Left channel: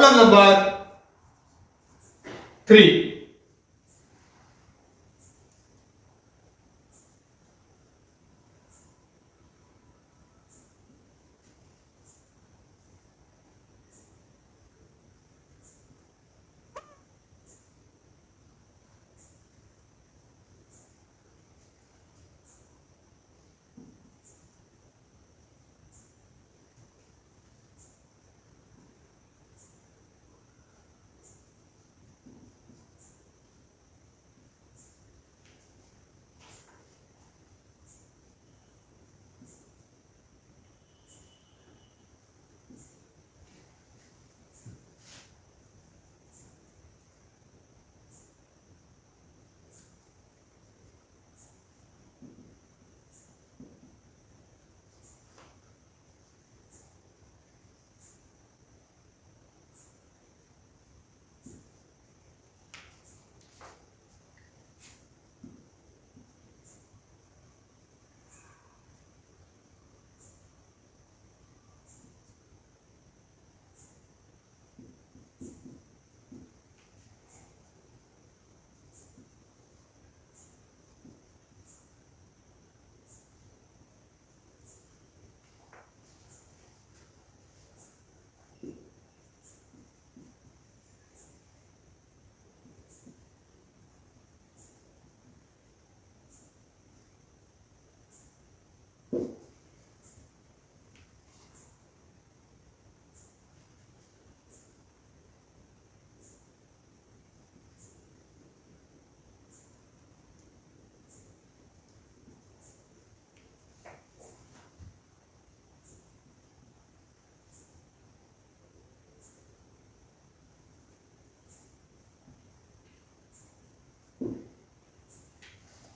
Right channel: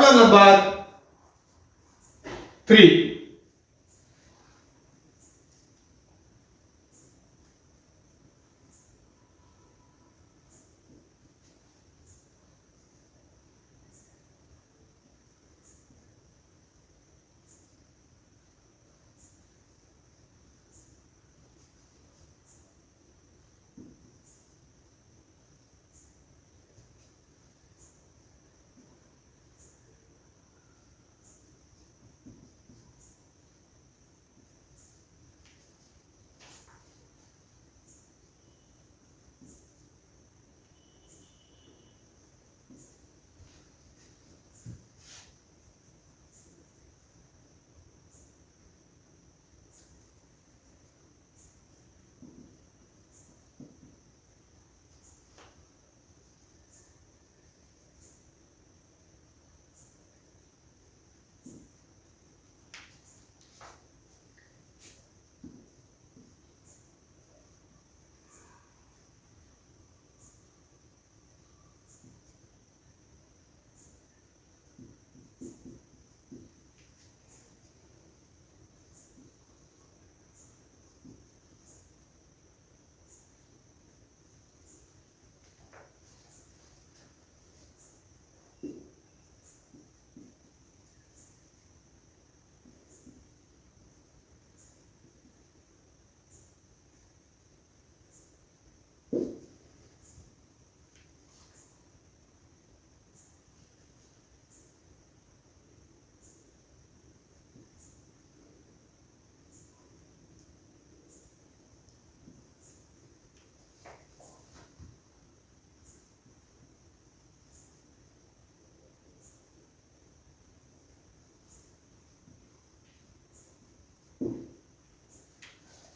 Problem number 3.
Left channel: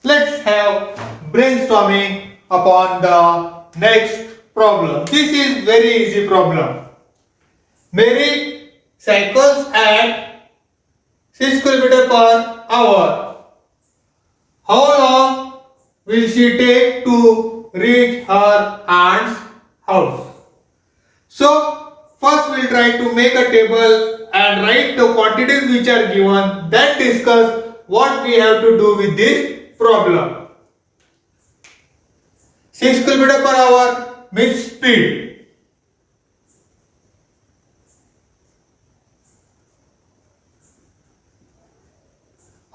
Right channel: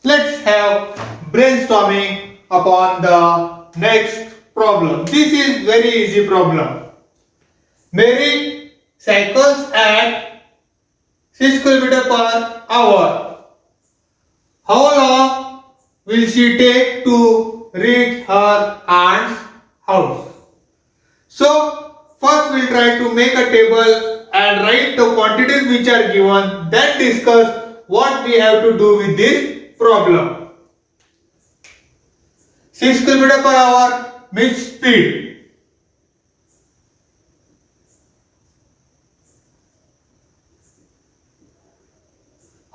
Let's have brainstorming upon the next problem. This is very easy problem. Mary cycles at 6 km per hour. How long will she take to reach her aunt's house? So, first we'll try to make a table and write the quantities which are given, then discuss what we have to do with this problem. 6 km per hour means speed.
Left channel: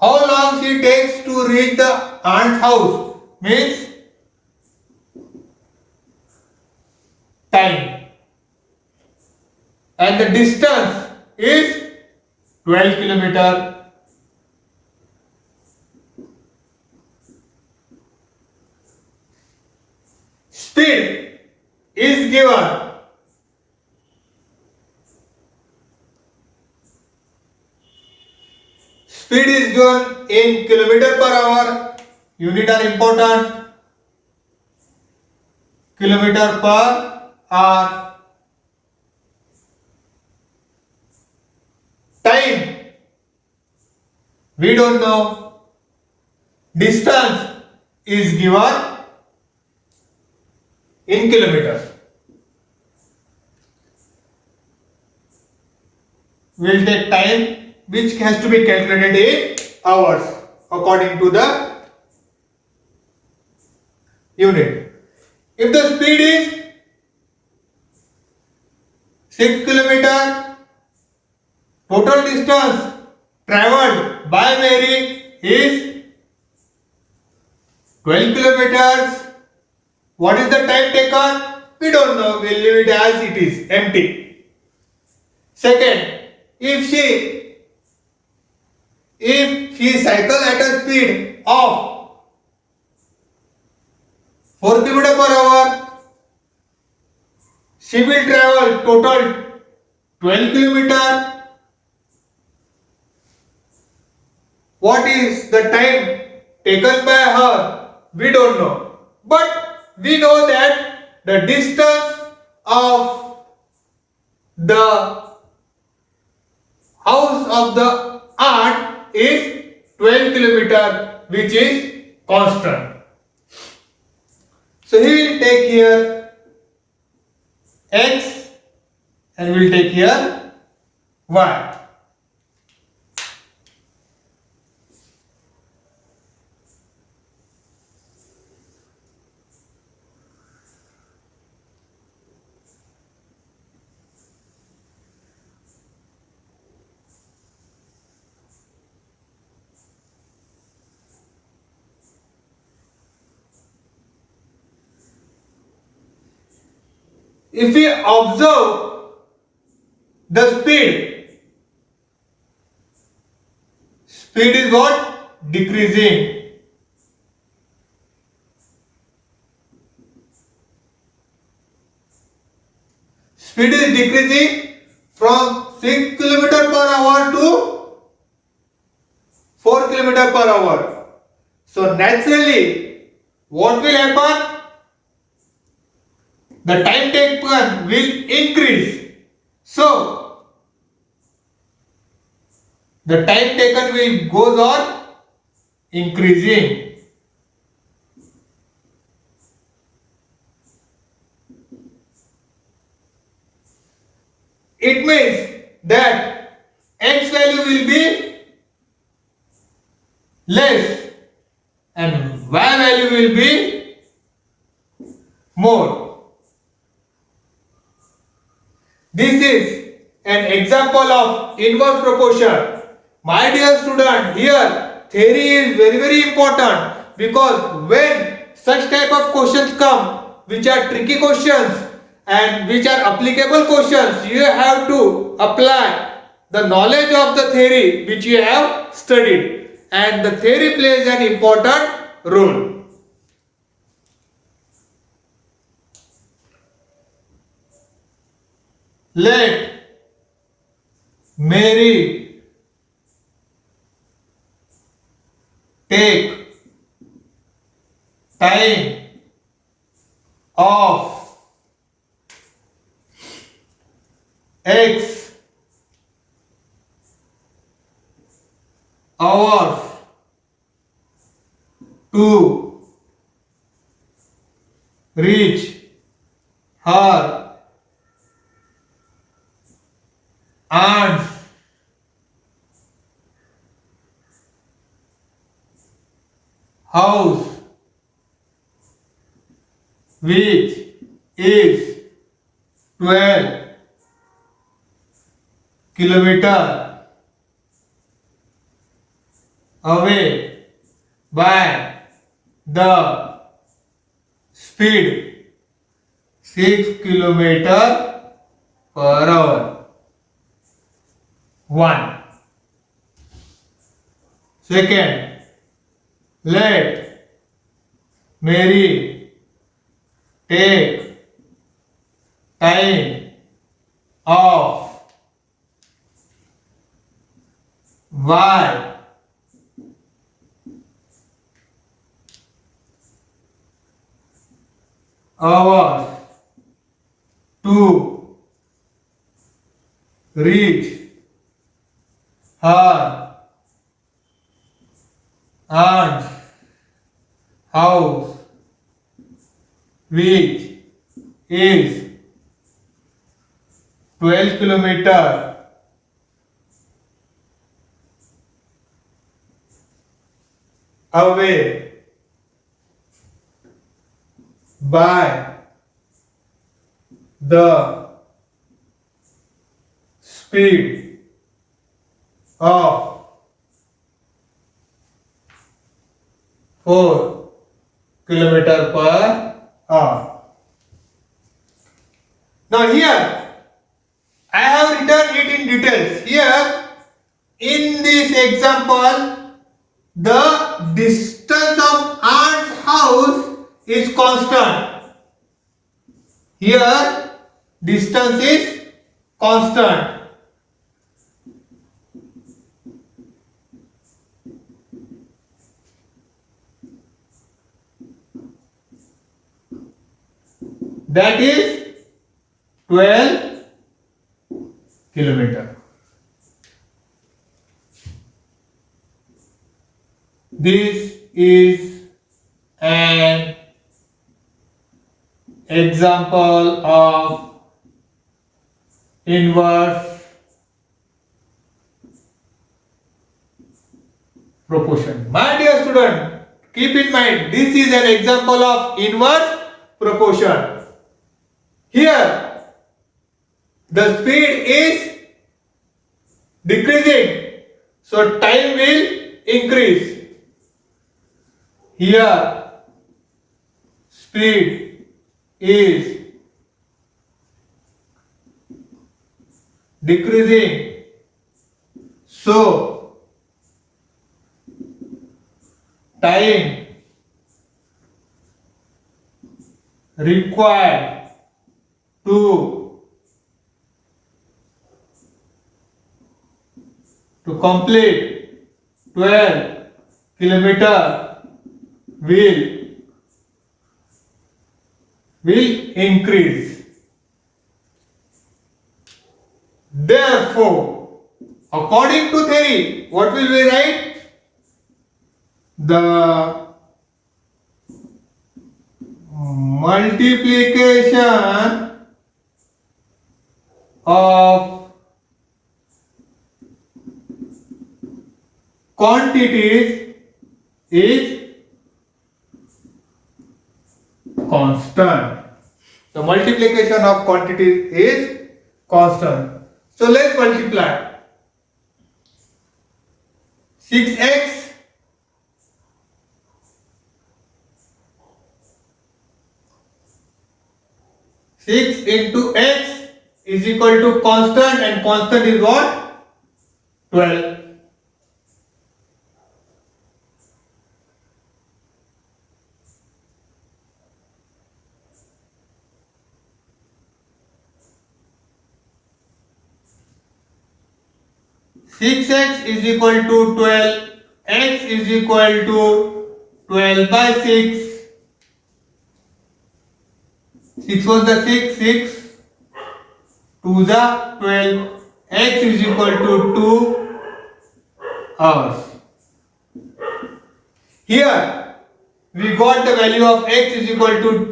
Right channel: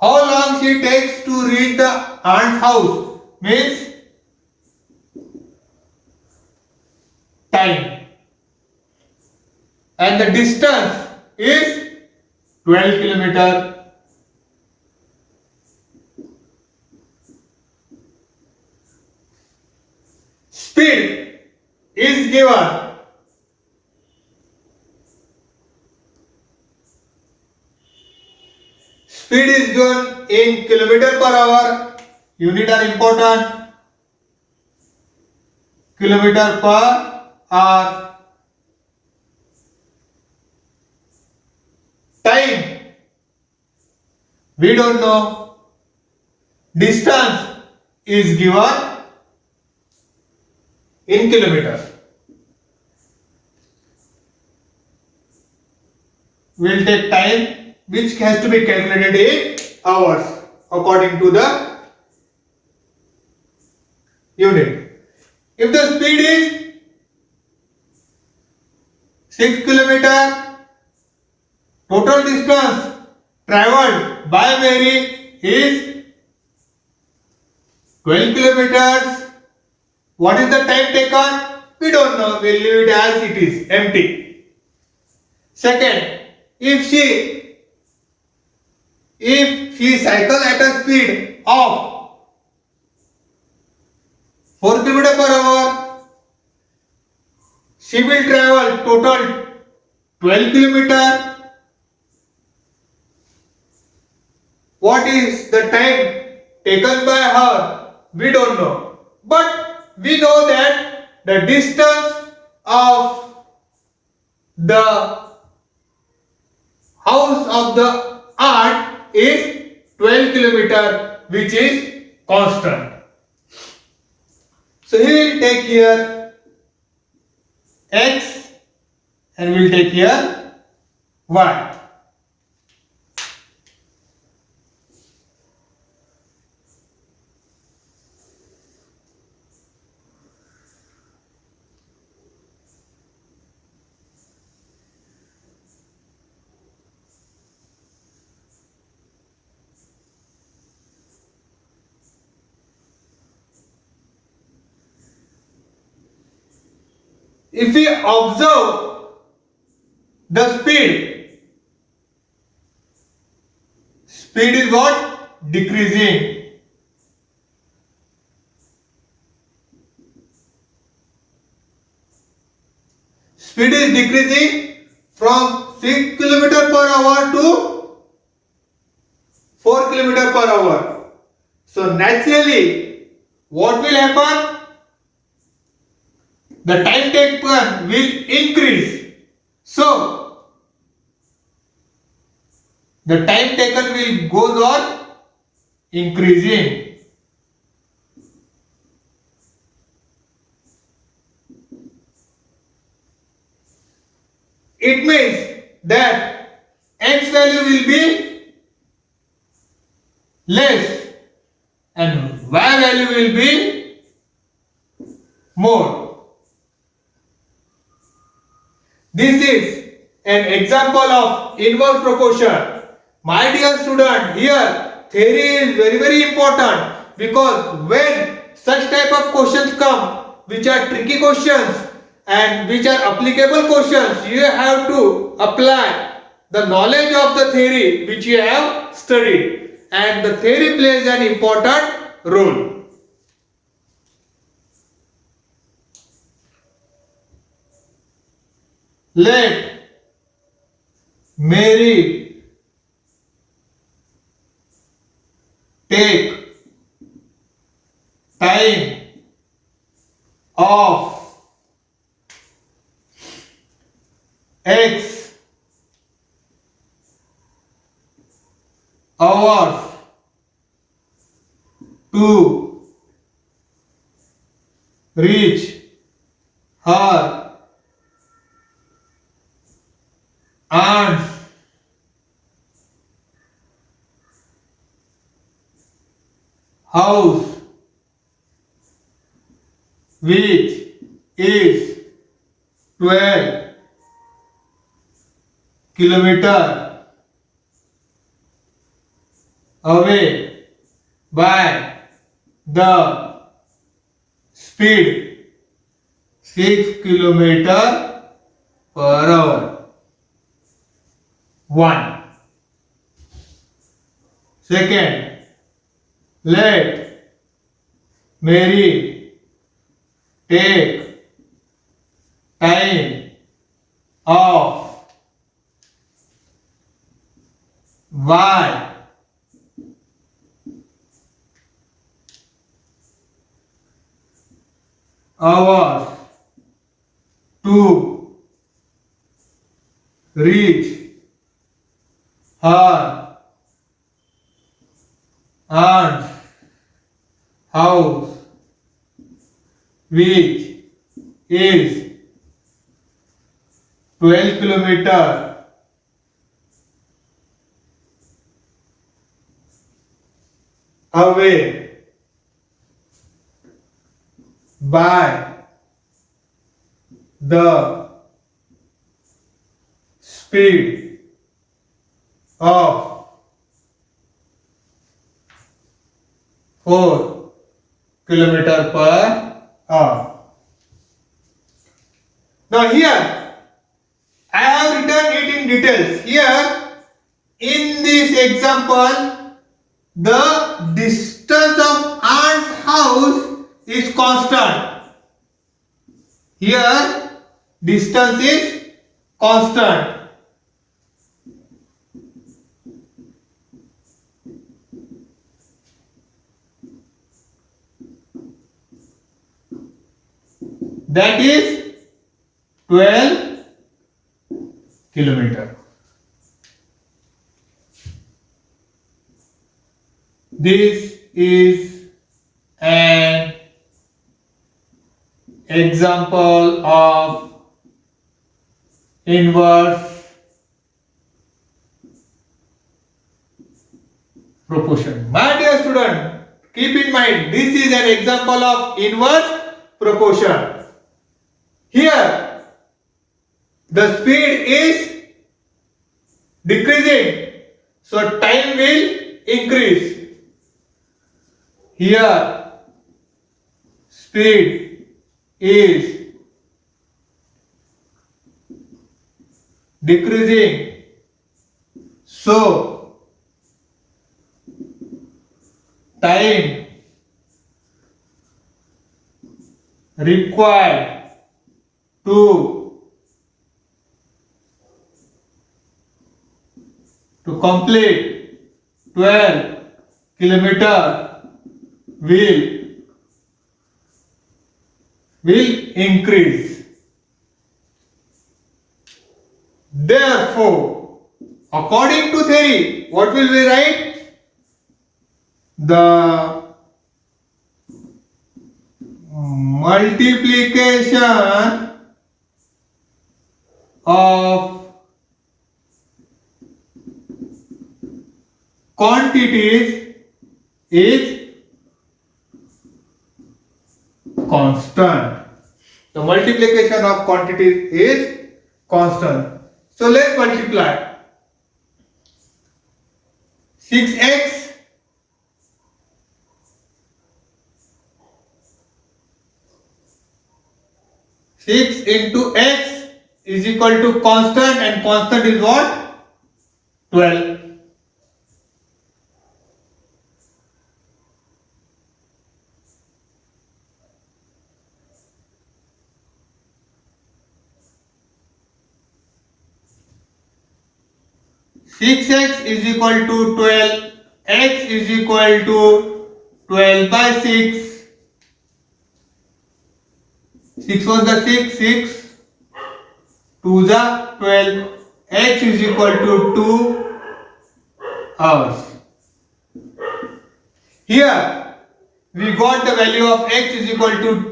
How long she takes to reach the aunt's house means time. And the distance is 12 km. Speed is given. Speed is given in kilometer per hour. Unit are important. Kilometer per hour. Time we don't know. Distance is given in kilometers. We will take time which has to be calculated in hours according to the unit. If the speed is 6 km, total distance travelled by Mary is 12 kilometers. What is the time taken? We don't know. We'll leave it as it is, empty. Second, if she cycles at a speed of 4 km per hour, she will travel total 12 km. What is the time taken by her? We don't know. But we know that the distance of the house of the aunt is 12 km, which is constant. So he will take here x and we will take here Why? If we observe the speed is what? Decreasing. Speed is decreasing from 6 kilometer per hour to 4 kilometer per hour. So naturally, what will happen? The time taken will increase. So the time taken will goes on increasing. It means that x value will be less and y value will be more. This is an example of inverse proportion. My dear student, here theory is very important, because when such type of questions come, which are tricky questions and which are applicable questions, you have to apply the knowledge of the theory which you have studied, and the theory plays an important role. Let Mary take time of X hours to reach her aunt's house, which is 12 kilometer away by the speed 6 kilometer per hour. 1. Second, let Mary take time of Y hours to reach her aunt's house, which is 12 kilometer away by the speed of 4 kilometer per hour. Now here I have written it in details. Here in this example, the distance of aunt's house is constant. Here distance is constant. That is 12 kilometer. This is an example of inverse proportion. My dear student, keep in mind this is an example of inverse proportion. Here the speed is decreasing, so time will increase. Here speed is decreasing, so time required to complete 12 kilometer will increase. Therefore, according to theory, what will we write? The multiplication of quantities is constant. The multiplication of quantities is constant. So let's multiply. 6x into x is equal to constant, and constant is what? 12. Six x is equal to 12. X is equal to 12 by 6. 6 1 the 6, 6 2 the 12. X is equal to 2 hours. Here we got the value of x is equal to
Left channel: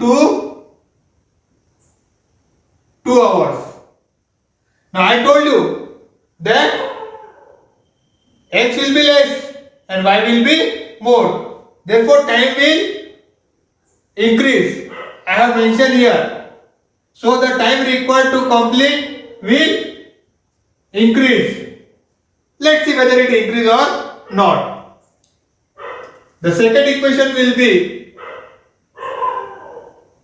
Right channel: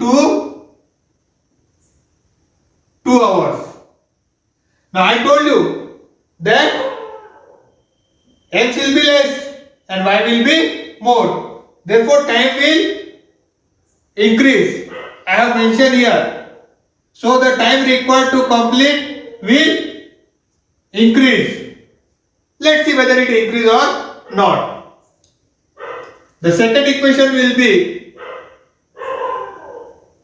2 hours. Now I told you that x will be less and y will be more. Therefore time will increase. I have mentioned here. So the time required to complete will increase. Let's see whether it increase or not. The second equation will be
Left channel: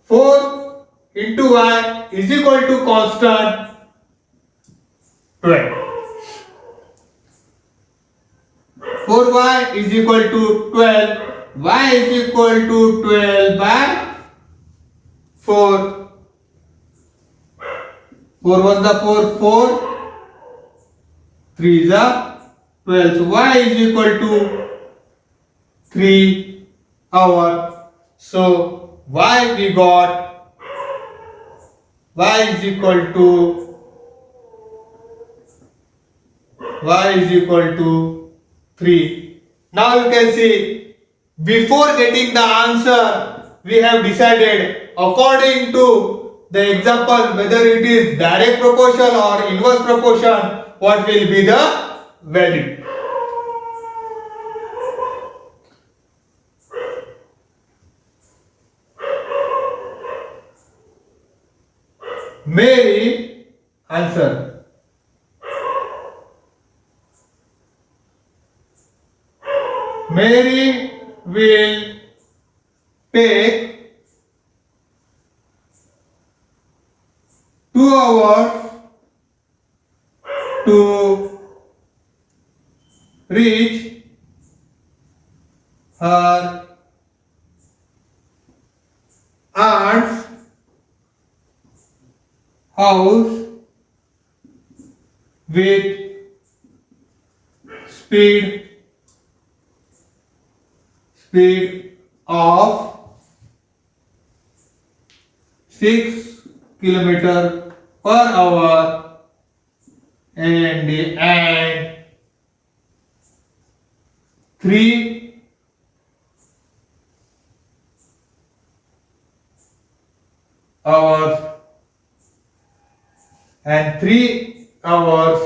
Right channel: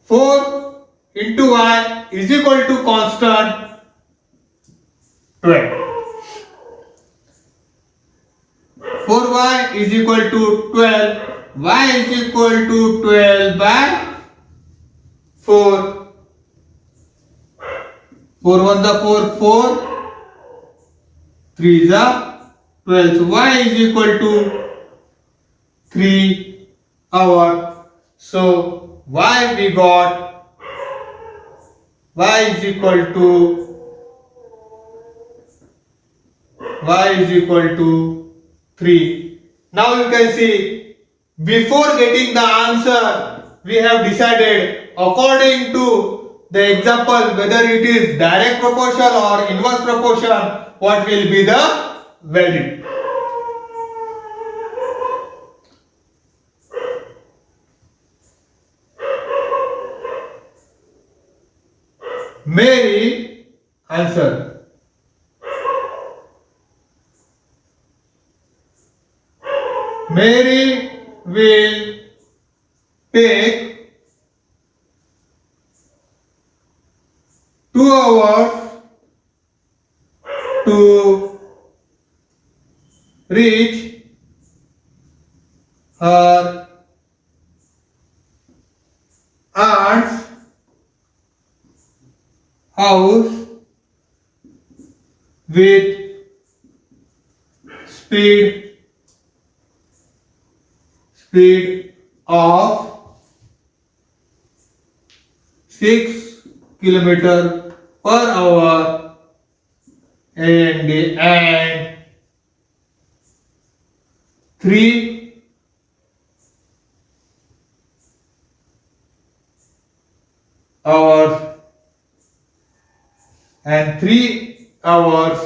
4 into y is equal to constant 12. 4y is equal to 12. Y is equal to 12 by 4. 4 1 the 4, 4. 3 is the 12. So y is equal to 3 hour. So y we got y is equal to 3. Now you can see, before getting the answer, we have decided according to the example whether it is direct proportion or inverse proportion, what will be the value. Mary answer. Mary will take 2 hours to reach her aunt's house with speed of 6 kilometers per hour and 3 hours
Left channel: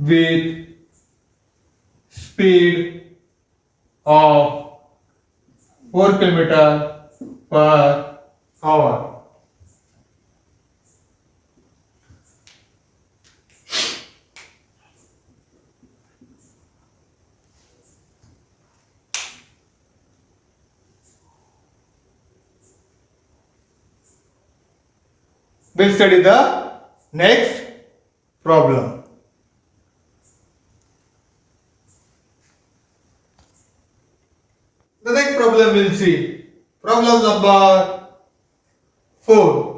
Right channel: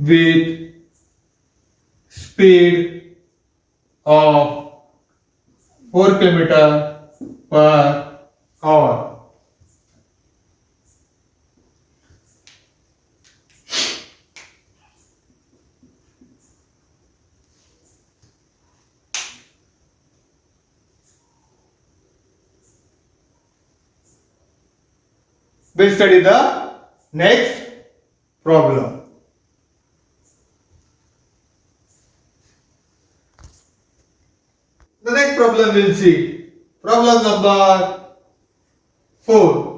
with speed of 4 km/h. We'll study the next problem. The next problem we'll see. Problem number 4.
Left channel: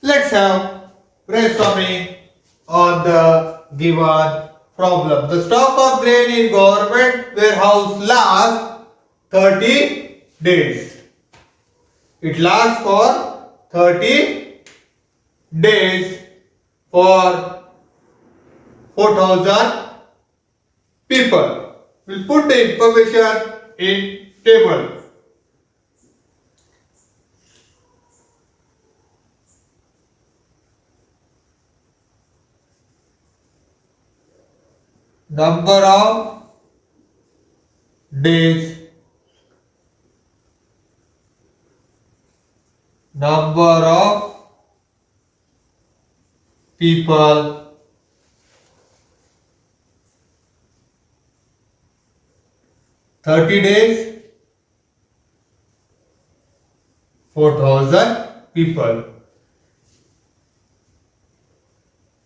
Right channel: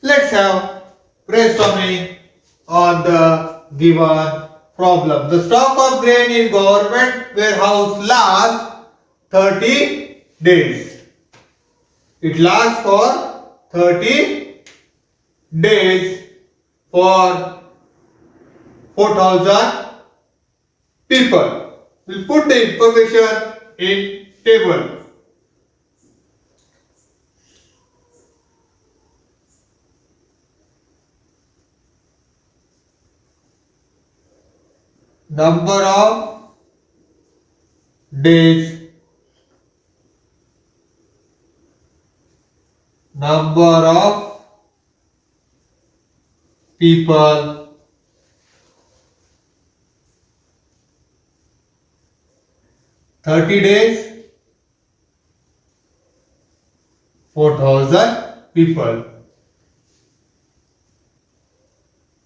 Let's have brainstorming on the given problem. The stock of grain in government warehouse lasts 30 days. It lasts for 30 days for 4,000 people. We'll put the information in table. Number of days, number of people, 30 days, 4,000 people.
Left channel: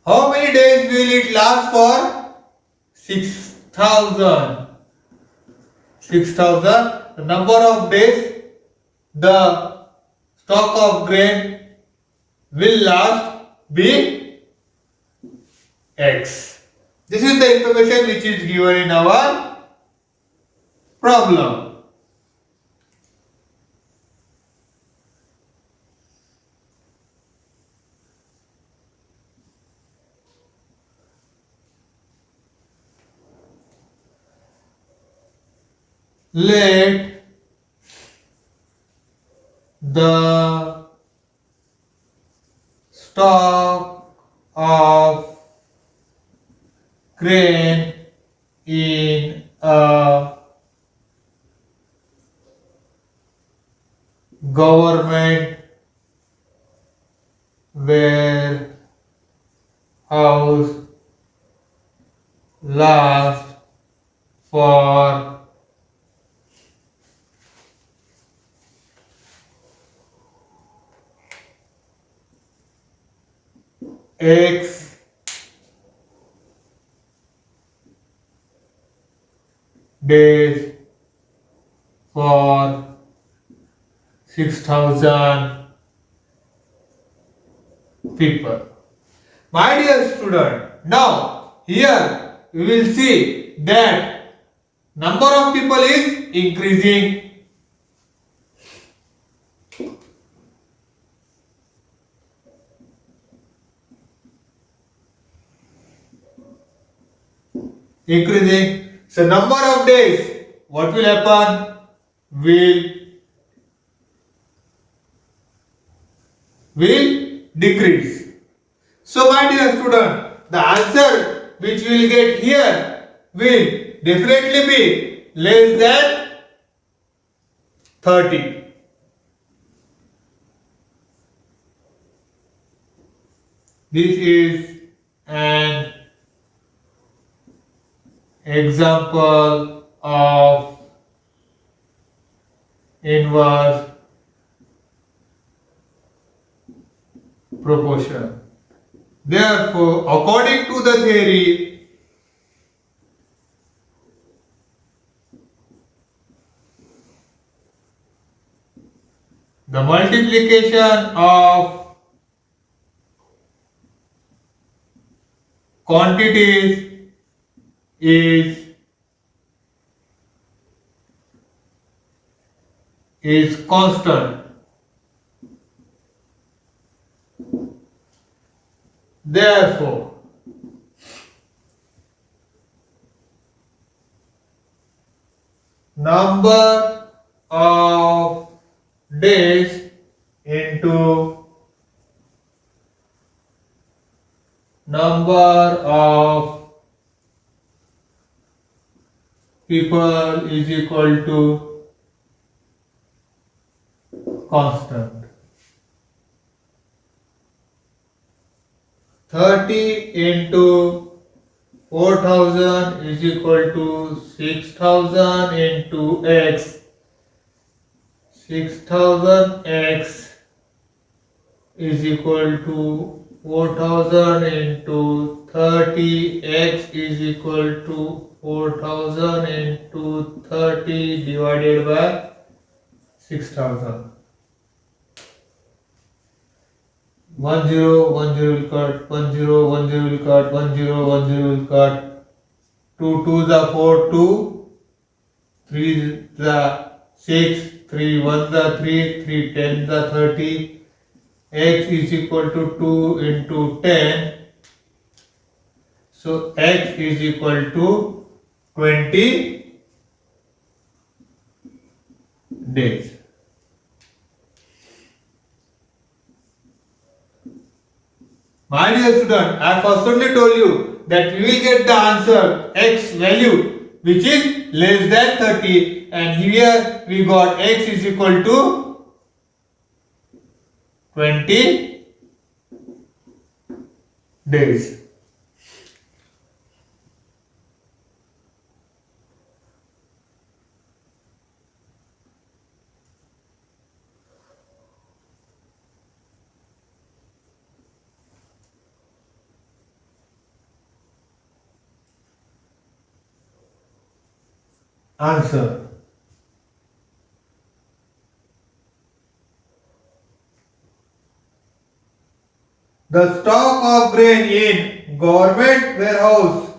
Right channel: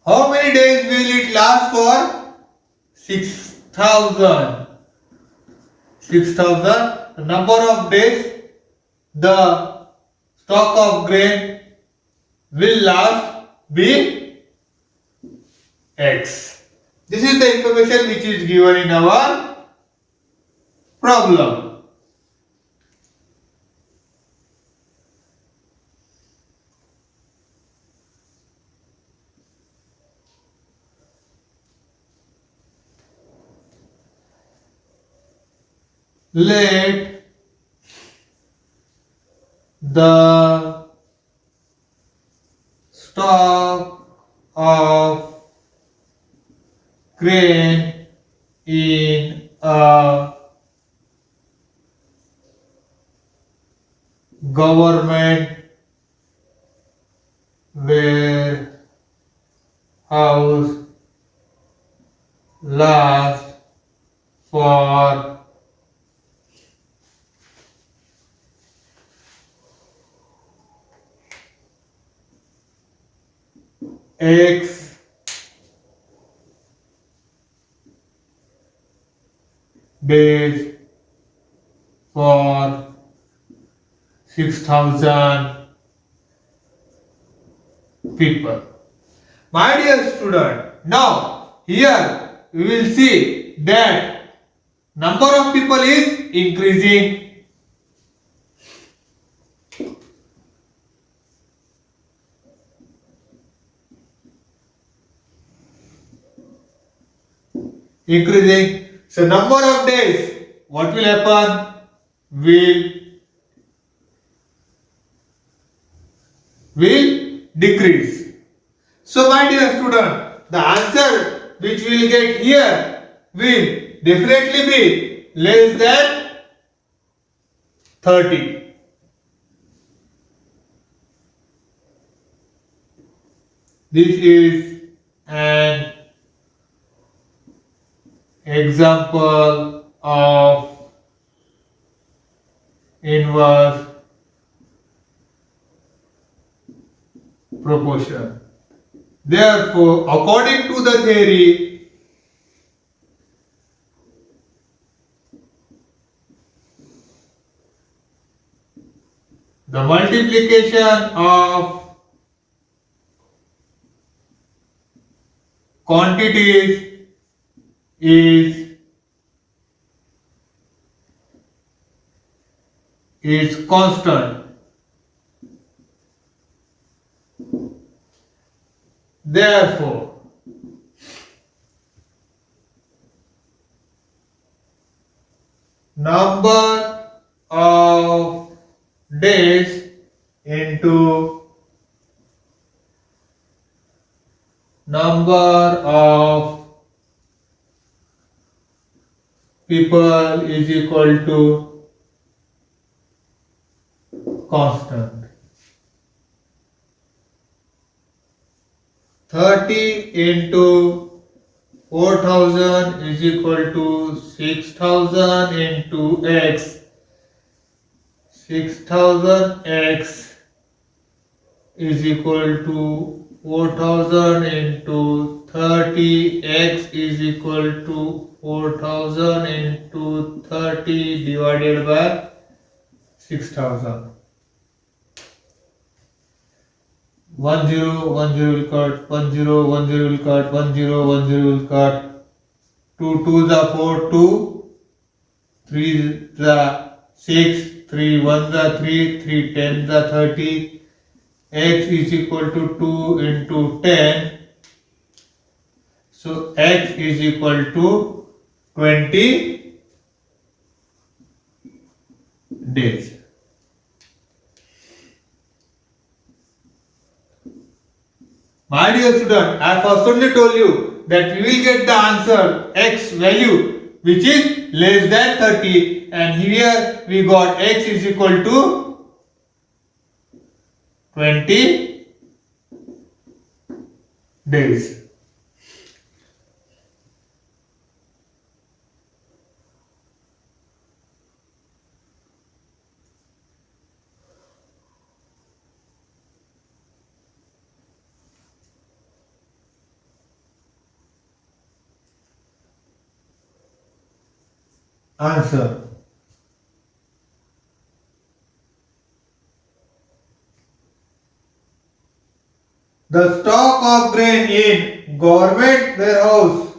How many days will it last for? 6,000. 6,000. The number of days the stock of grain will last be X. This is the information which is given in our problem. Let the stock of grain in a government warehouse last for X days for 6,000 people. My dear student, now here we will see that number of people is increasing. increasing. So number of days, what will happen? Will decrease. So my dear student, the answer which we will get here will definitely be less than 30. This is an example of inverse proportion. Therefore, according to the theory, the multiplication of quantities is constant. Therefore, number of days into number of people is equal to constant. 30 into 4000 is equal to 6000 into x. 6000x is equal to 4000 into 30. X is equal to 4000 into 30 divided by 6000. 1 0 1 0 will cut, 1 0 1 0 will cut, 1 0 1 0 will cut. 2 2 the 4 2, 3 the 6, 3 1 the 3, 3 10 the 30. X is equal to 2 into 10. So x is equal to 20 days. My dear student, I have firstly told you that you will get the answer x value which is less than 30, and here we got x is equal to 20 days. Answer. The stock of grain in government warehouse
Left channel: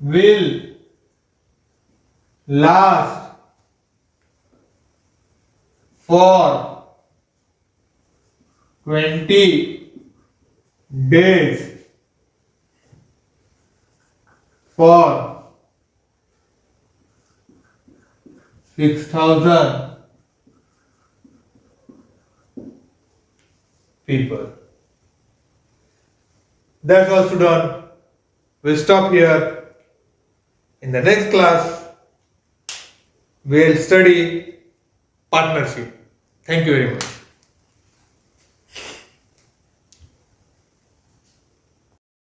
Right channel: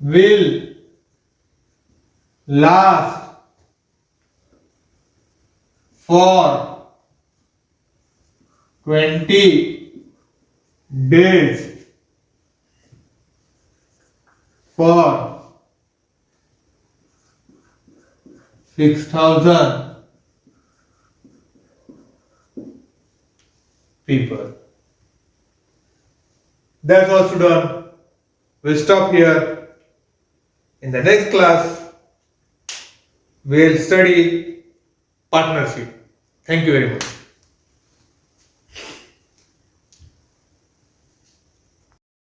will last for 20 days for 6,000 people. That's all, student. We'll stop here. In the next class, we'll study partnership. Thank you very much.